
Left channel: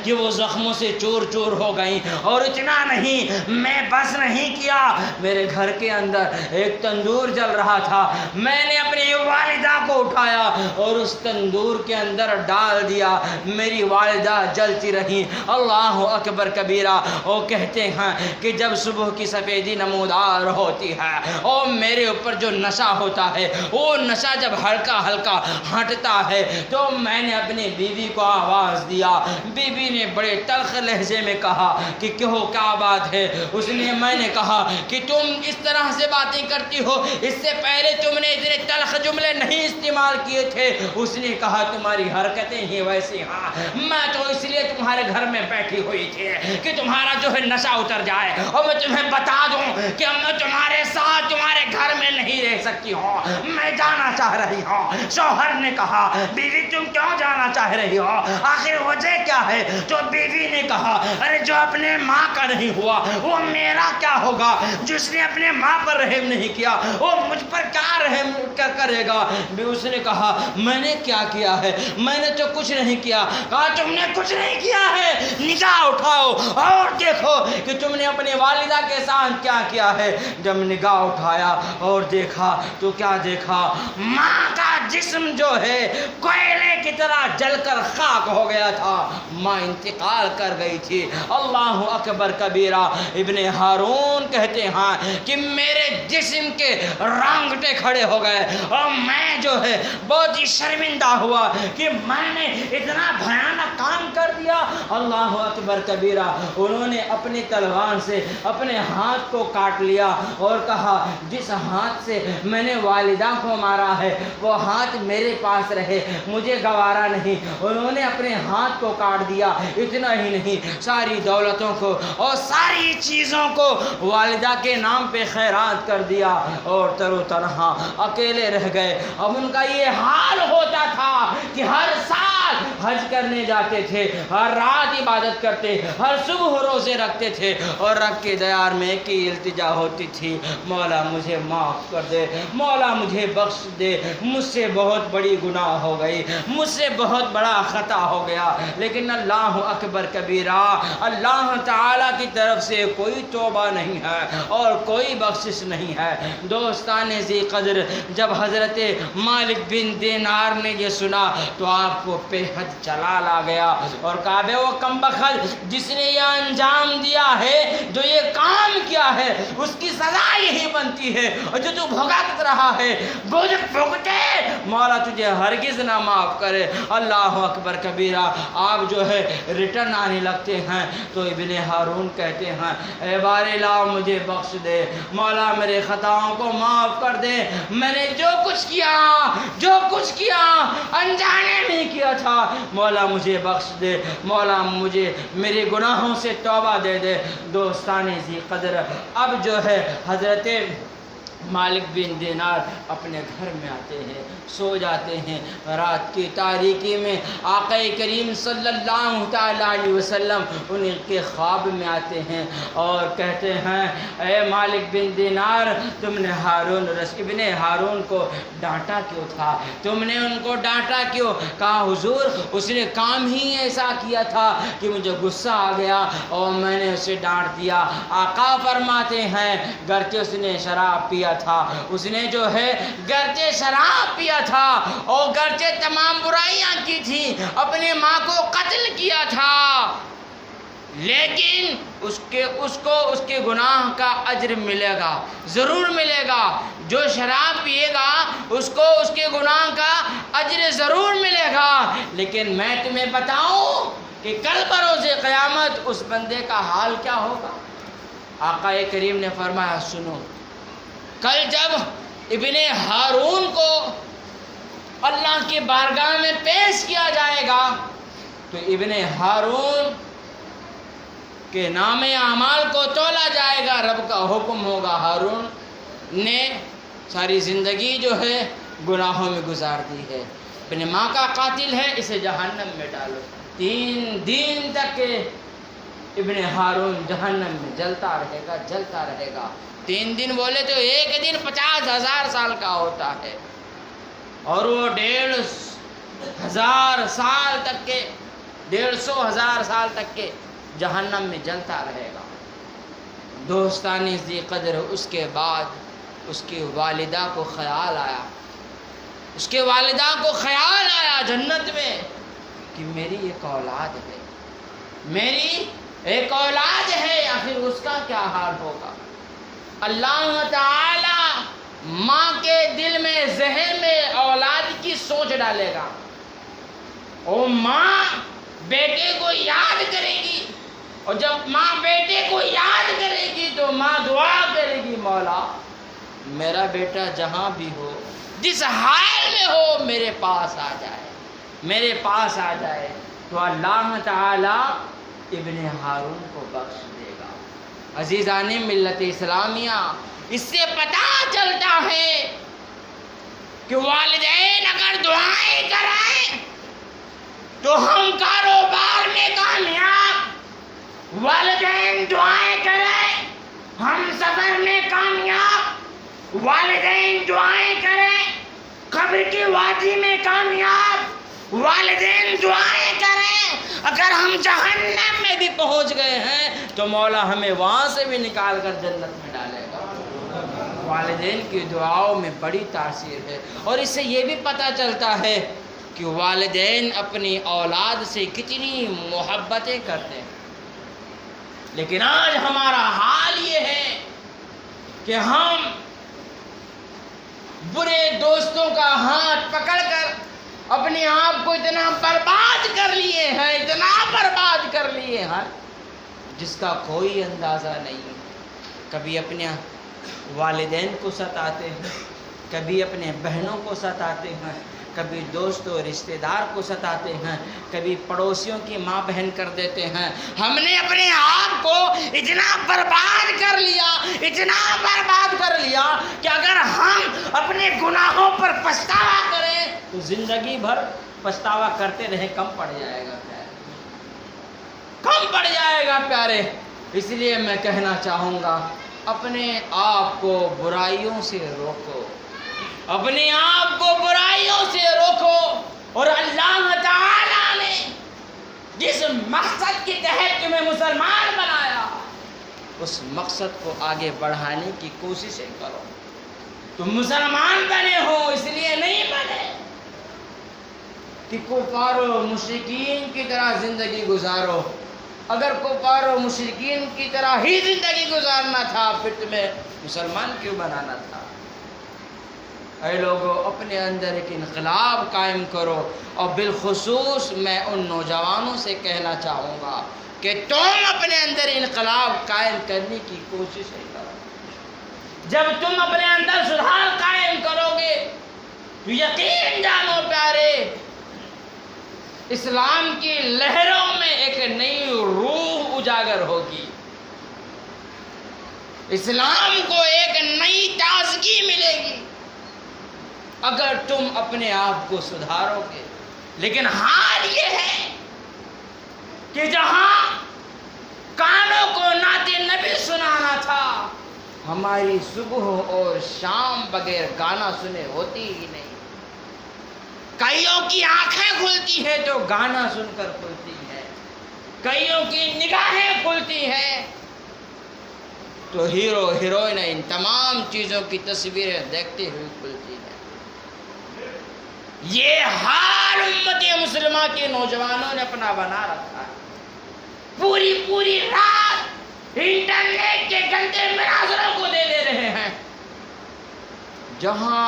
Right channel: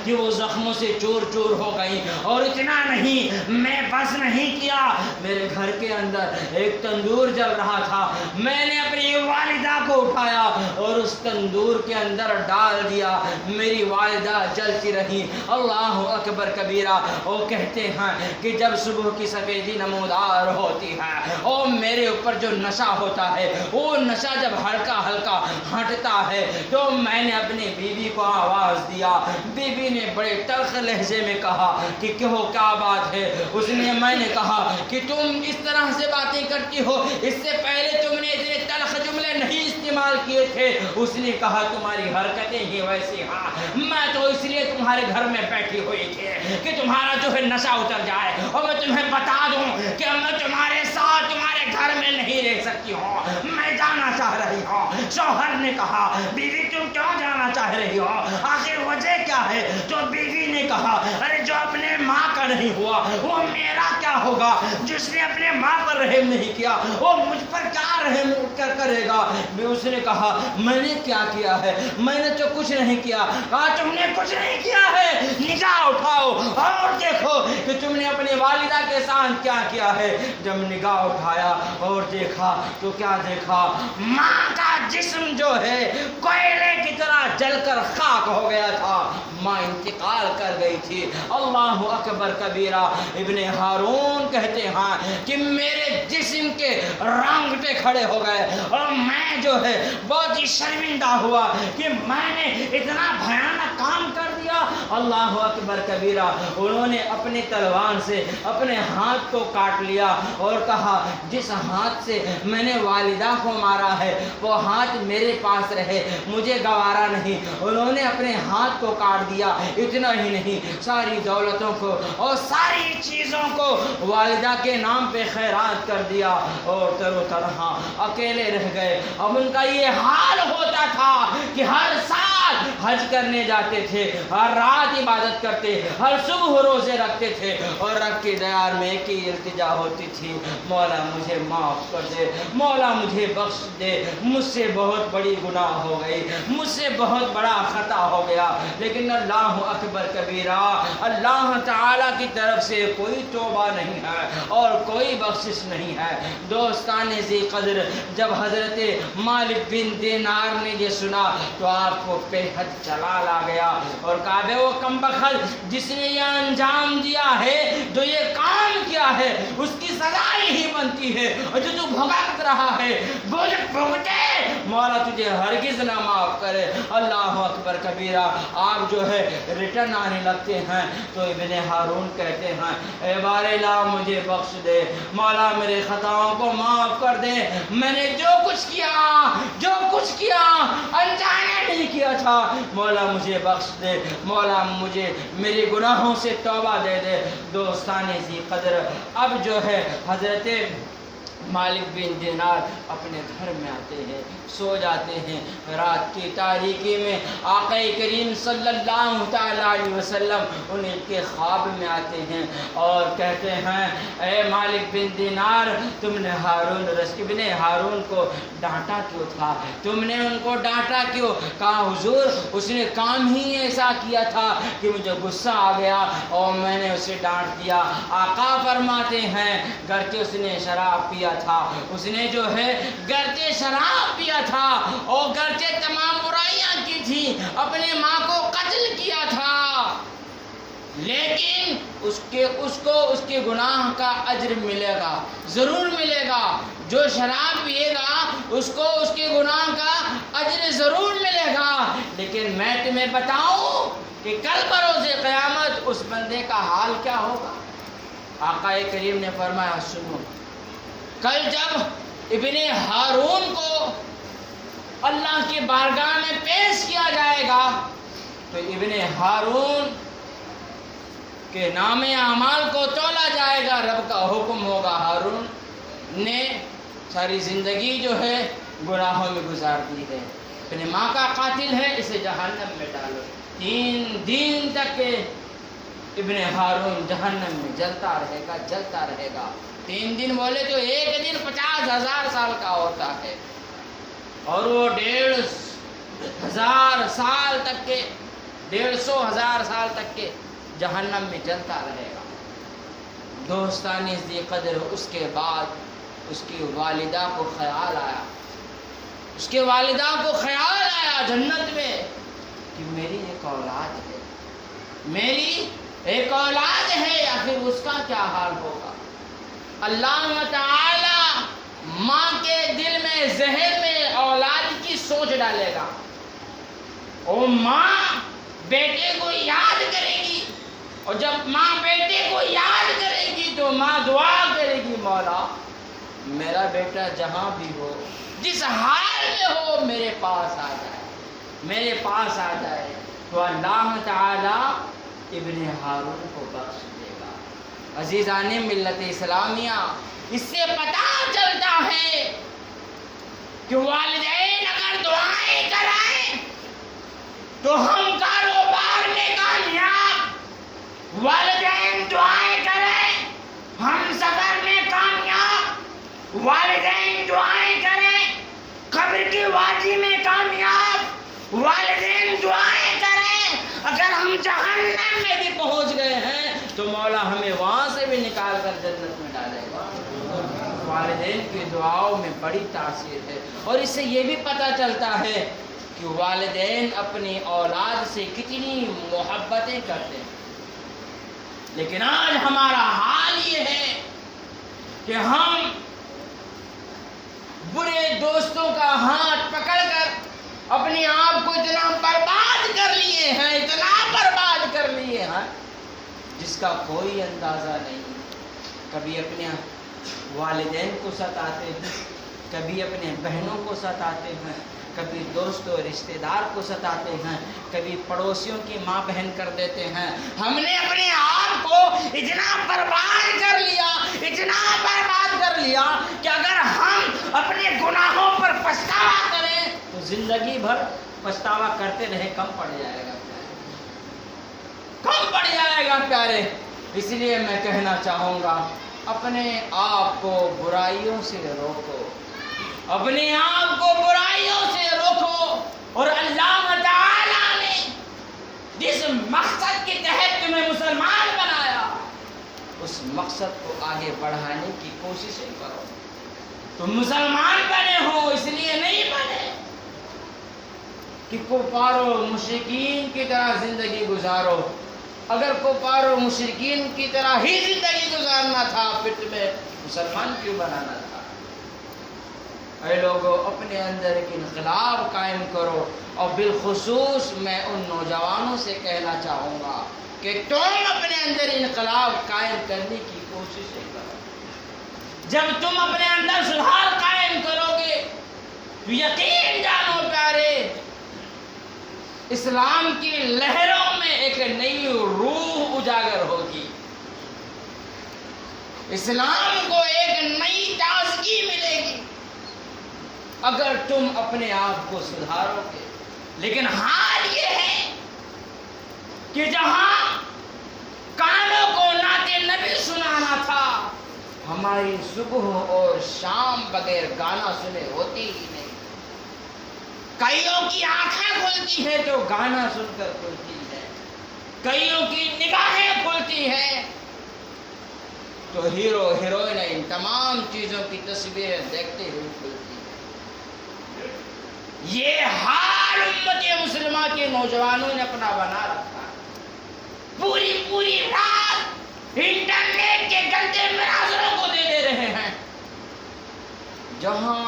کہ وہ زخموں سے چور چور ہو گئی۔ اور اتنا نہیں، میں بس نہیں کیا، میرے گھر کے اندر ایک تندور جل رہا تھا، میں نے اپنی والدہ کو اٹھایا اور اس تندور کے اندر ڈال دیا، میری والدہ جلتی رہی۔ اللہ اکبر کبیرہ۔ وہ کہتے ہیں کہ جب صبح کی سفیدی نمودار ہوتی ہے اور میرے اوپر جو نشہ ہوتا ہے، وہ نشہ جب ہلکا ہلکا ہٹتا ہے تو میں نے اپنی بیوی کو آواز دیا۔ بیوی نے بڑے تلخ لہجے میں کہا کہ کیا بات ہے؟ میں نے کہا کہ تم اس طرح سے باتیں کرتی ہو، اس سے پہلے تم نے اتنے تلخ جملے نہیں استعمال کیے تھے۔ اس نے کہا تمہاری حرکتیں ہی ویسی ہیں، میں تو اس لیے تمہارے گھر میں بیٹھی ہوئی تھی کہ تمہارا جو ہے نشہ اتر جائے، اور میں تمہیں بتا دوں کہ میں تمہارے ساتھ تمہارے گھر میں نہیں رہ سکتی ہوں، میں جانا چاہ رہی ہوں۔ شوہر نے کہا بیوی تم کیوں جانا چاہ رہی ہو، آخر وجہ کیا ہے؟ تو بیوی نے کہا ارے جو اپنے ماں کا نہیں ہوا وہ میرا کیا ہوگا، جس نے اپنے ماں پر رحم نہیں کیا وہ مجھ پر کیا رحم کرے گا۔ اس نے کہا میں نے کیا کیا ہے؟ میں نے تو کچھ نہیں کیا۔ کہا تم نے کچھ نہیں کیا ہے، نگاہ اٹھاؤ اور دیکھو کہ تم نے اپنی والدہ کے ساتھ کیا کیا ہے۔ جب نگاہ اٹھایا اور دیکھا تو کیا دیکھا؟ ماں کا جسم جو ہے کوئلے کی طرح جل کر خاک ہو گیا تھا، ماں انتقال کر گئی تھی۔ اللہ اکبر کبیرہ۔ ابن ہارون کہتے ہیں کہ میرے جسم کے رانگٹے کھڑے ہو گئے اور میں جو ہے بہت ہی شرمندہ ہوا کہ میں نے اتنا بھیانک کام کر دیا۔ اللہ اکبر کبیرہ۔ انہوں نے اپنے تلوار سے اپنے ہاتھ کو کاٹ لیا اور کہا جس ہاتھ سے میں نے والدہ کو مارا ہے وہ ہاتھ میرے پاس رہے، مجھے گوارا نہیں۔ انہوں نے اپنے ہاتھ کو کاٹ دیا۔ اتنا ہی نہیں، ساری دولتوں کو اور ساری چیزوں کو والدہ کے نام پہ خیرات کر دیا اور تر و تنہا اکیلے رہ گئے۔ اب ان کا یہ حال ہوتا تھا کہ ہر سال حج کرنے جاتے تھے، ہر رات عبادت کرتے، ہر صبح روزے رکھتے تھے، اور رب کے دربار میں ایک ہی التجا ہوتی تھی مولا مجھے معاف کر دے، مولا مجھے بخش دے، مجھ سے بہت بڑی گناہ ہو گئی، مجھ سے بہت بڑا خطا ہو گیا۔ لیکن اللہ اکبر کبیرہ، اللہ تعالیٰ کی طرف سے کوئی توبہ نہیں ہے اور کوئی بخشش نہیں ہے۔ دوستان ذی قدر، جب حضرت مالک بن دینار نے یہ سنا تو آپ کو بے حد جلال آ گیا اور کہا بے وہ کم بخت جس نے یہ انجام دیا ہے، جو یہ کام کیا ہے، اس کی سزا یہی بنتی ہے، اور جو تو بھگت رہا ہے بھگتے مولا تجھے ہرگز نہ معاف کرے۔ اللہ اکبر کبیرہ۔ آپ جو ہے ریٹرن آنے لگتے ہیں تو ابن ہارون کہتے ہیں اے بار الہ مجھے بخش دے، مولا میرے خطاؤں کو معاف کر دے، میں نے جو کچھ کیا انجانے نہیں کیا تھا، مولا مجھے بخش دے، مولا مجھے میرے گناہوں سے توبہ دے دے۔ دوستان ذی قدر، اب جو ہے حضرت مالک بن دینار اپنے گھر میں آتے ہیں، سو جاتے ہیں، رات کی تاریکی میں آقا کریم صلی اللہ تعالیٰ علیہ وسلم انہیں کے خواب میں آتے ہیں اور کہتے ہیں اے مالک بن دینار، تم نے ابن ہارون کو ڈانٹا کیوں تھا؟ تم نے ان کو ڈانٹا کیوں؟ کہا حضور اس نے کام ہی ایسا کیا تھا کہ مجھے غصہ آ گیا اور میں نے اسے ڈانٹ دیا۔ آقا فرماتے ہیں گرچہ اس نے شراب پیا تھا، اس نے جو ہے گرچہ شراب پیا تھا اور گرچہ تمام برائیاں کی تھی، اپنے ماں کو قتل کیا تھا، لیکن اس کے گناہ کا اجر ملے گا، ضرور ملے گا۔ جو شراب پیے گا اس کو اس کے گناہ کا اجر ضرور ملے گا، لیکن میں تمہیں بتاؤں کہ کل بروز قیامت اس بندے کا حال کیا ہوگا۔ آقا کریم نے فرمایا سنو، کل جب ابن ہارون کو اللہ کی بارگاہ میں پیش کیا جائے گا تو ابن ہارون کے نام اعمال کو تولا جائے گا، رب کا حکم ہوگا ہارون نے ساری زندگی جو ہے گناہوں میں گزار دی ہے، اپنے ماں کا قاتل ہے، اسے جہنم میں ڈالو۔ 3 دن تک کہ ابن ہارون جہنم میں جلتا رہے گا۔ 3 دن بولے تو ایک دن 50,000 سال کا ہوتا ہے، اور وہ 1,500,000 سال تک کے 150,000 سال تک کے جہنم میں جلتا رہے گا۔ دوستانی ذی قدر، اس کے بعد اس کی والدہ کو خیال آیا، جنت میں کہ میری ایک اولاد ہے، آخر اس کا کیا حال ہوگا۔ اللہ تعالی ماں کے دل میں، ذہن میں اولاد کی سوچ ڈالے گا، اور ماں بیٹے کو یاد کرے گی، اور جب ماں بیٹے کو یاد کرے گی تو ماں دعا کرے گی، مولا میرا بیٹا جہاں بھی ہو، جس حال میں ہو، میرے پاس آ جائے۔ تو اللہ تعالی ابن ہارون کو بخش دے گا۔ عزیزان ملت اسلامیہ، اس سے پتہ چلتا ہے کہ والدین اگر دعائیں کریں تو ہم کاروبار میں کامیاب، والدین دعائیں کریں ہم سفر میں کامیاب، والدین دعائیں کریں قبر کی وادی میں کامیاب، والدین دعائیں کریں اگر ہم جہنم میں بھی پہنچ گئے ہیں تو مولا ہمیں وہاں سے بھی نکال کر جنت میں ڈالے گا۔ والدین کی دعاؤں میں بڑی تاثیر ہے، اور اس سے یہ بھی پتہ چلتا ہے کہ والدین اپنی اولاد سے کتنی محبتیں کرتے ہیں۔ لیکن آج ہمارا حال یہ ہے کہ ہم برے دوستوں کا ہاتھ پکڑ کر اپنے آپ کو اتنا برباد کر لیے ہیں جس کا کوئی اندازہ نہیں۔ کبھی اپنے والدین کو ستاتے ہیں، کبھی اپنے بہنوں کو ستاتے ہیں، کبھی دوست و رشتہ دار کو ستاتے ہیں، کبھی پڑوسیوں کی ماں بہن کر دیتے ہیں۔ ہم نے اپنے آپ کو اتنا برباد کر لیا کہ اگر ہم اپنے گناہوں پر پچھتاوا کریں تو زندگی بھر پچھتاوا کرتے رہے، کم پڑ جائے گا پیارے۔ اس لیے میں کہنا چاہوں گا، اپنے آپ کو برائیوں سے روکو، اور اللہ تعالیٰ نے جس مقصد کے تحت تمہیں مسلمان بنایا اس مقصد کو آگے بڑھانے کی کوششیں کرو۔ تم مسلمان بنے ہو اس لیے نہیں بنے کہ کفار و مشرکین کی طرح زندگی گزارو۔ اگر کفار و مشرکین کی طرح ہی زندگی گزارنا تھا پھر تمہیں مسلمان کیوں بنانا تھا؟ اے لوگوں، اپنے اندر ایک انقلاب قائم کرو، اور بالخصوص میں ان نوجوانوں سے کہنا چاہوں گا کہ تم اپنے اندر انقلاب قائم کرنے کی کوششیں کرو۔ جب تم اپنے اندر سدھار قائم کرو گے تو یقین جانو پیارے، اسلام کی لہروں میں ایک نئی روح اجاگر ہوگی، اسلام کو ایک نئی تازگی ملے گی اگر تم اپنے آپ کو سدھارو گے۔ لیکن حال یہ ہے کہ جہاں کانوں کو نعت نبی سنانا تھا، ہماری صبح اور شام بغیر گانا سنے ہوتی ہی نہیں۔ کئیوں کی آنکھیں کھلتی ہیں تو گانا سن کر کھلتی ہے، کئیوں کی نگاہیں کھلتی ہیں تو ہیرو ہیروئن ان تمام چیزوں کی تصویریں دیکھتے ہوئے کھلتی ہے۔ یہ حال امت مسلمہ کے نوجوانوں نے اپنا بنا رکھا، پوری رات انٹرنیٹ کے گندے مناظروں کو دے رہے ہیں۔ جہاں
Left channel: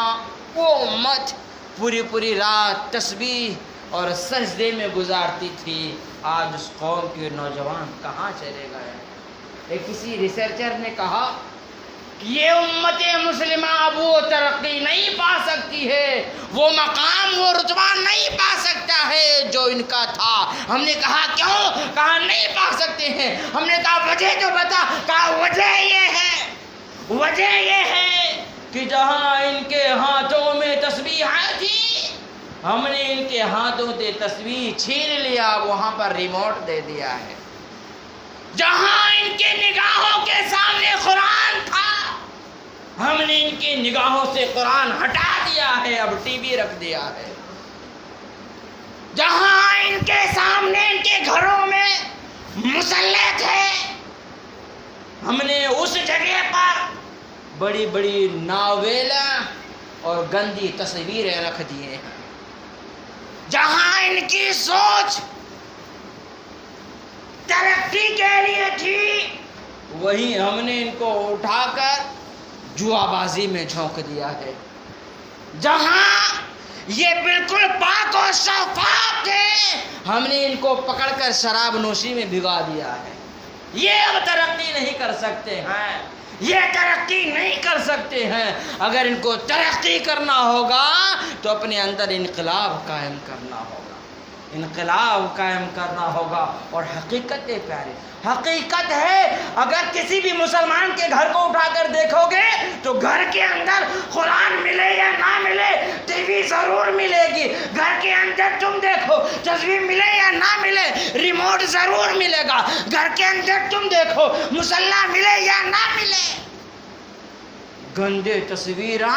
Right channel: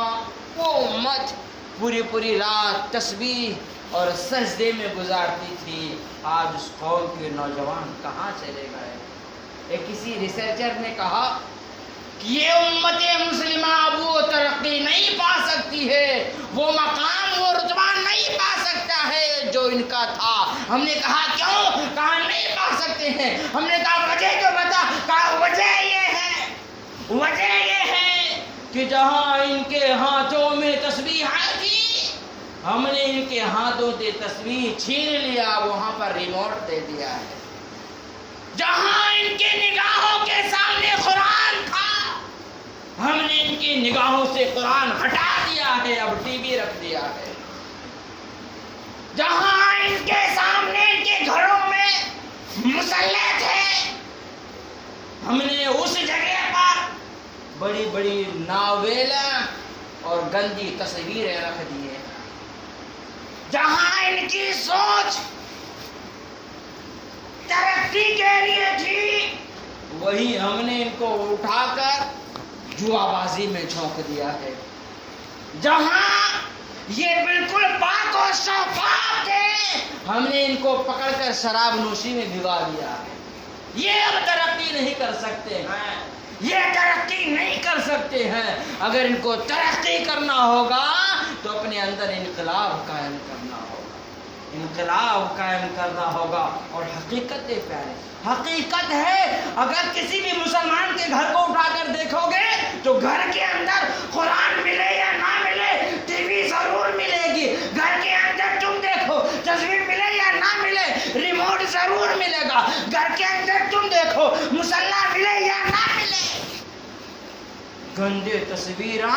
وہ امت پوری رات تسبیح اور سجدے میں گزارتی تھی، آج اس قوم کے نوجوان کہاں چلے گئے؟ ایک کسی ریسرچر نے کہا کہ یہ امت مسلمہ وہ ترقی نہیں پا سکتی ہے، وہ مقام وہ رتبہ نہیں پا سکتا ہے جو ان کا تھا. ہم نے کہا کیوں؟ کہا نہیں پا سکتے ہیں. ہم نے کہا وجہ تو بتا. کہا وجہ یہ ہے کہ جہاں ان کے ہاتھوں میں تسبیح تھی ہم نے ان کے ہاتھوں سے تسبیح چھین لیا, وہاں پر ریموٹ دے دیا ہے. جہاں ان کے نگاہوں کے سامنے قرآن تھا ہم نے ان کی نگاہوں سے قرآن ہٹا دیا ہے, اب ٹی وی رکھ دیا ہے. جہاں ان کے سامنے ان کے گھروں میں مسلح تھے ہم نے اس جگہ پر بڑی بڑی ناویلا اور گندی تصویریں رکھ دیے ہیں. جہاں ان کی سوچ ترقی کے لیے تھی وہیں ہم نے ان کو اٹھا کر جوا بازی میں جھونک دیا ہے. جہاں یہ بالکل پاک و شفاف تھے ہم نے ان کو پکڑ کر شراب نوشی میں بھگا دیا ہے. یہ اب ترقی نہیں کر سکتے ہیں, یہ ترقی نہیں کر سکتے ہیں. اگر ان کو ترقی کرنا ہوگا تو اپنے اندر انقلاب قائم کرنا ہوگا, انقلاب قائم کرنا ہوگا. اور حقیقت پیارے, حقیقت ہے اگر کسی بھی مسلمان کے گھر کو اٹھا کر دیکھو گے تو گھر کے اندر قرآن ملے یا نہ ملے ٹی وی ضرور ملے گی. گھر کے اندر تم دیکھو تصویر ملے یا نہ ملے ریموٹ ضرور ملے گا. گھر کے اندر تم دیکھو مسلح ملے یا نہ ملے گندے تصویریں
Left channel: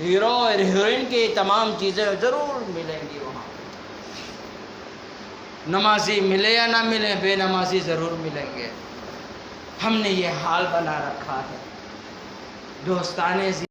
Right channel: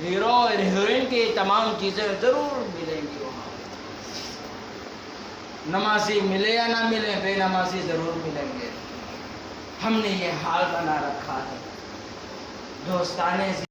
ہیرو اور ہیروئن کی تمام چیزیں ضرور ملیں گی. وہاں نمازی ملے یا نہ ملے بے نمازی ضرور ملیں گے. ہم نے یہ حال بنا رکھا ہے. دوستانے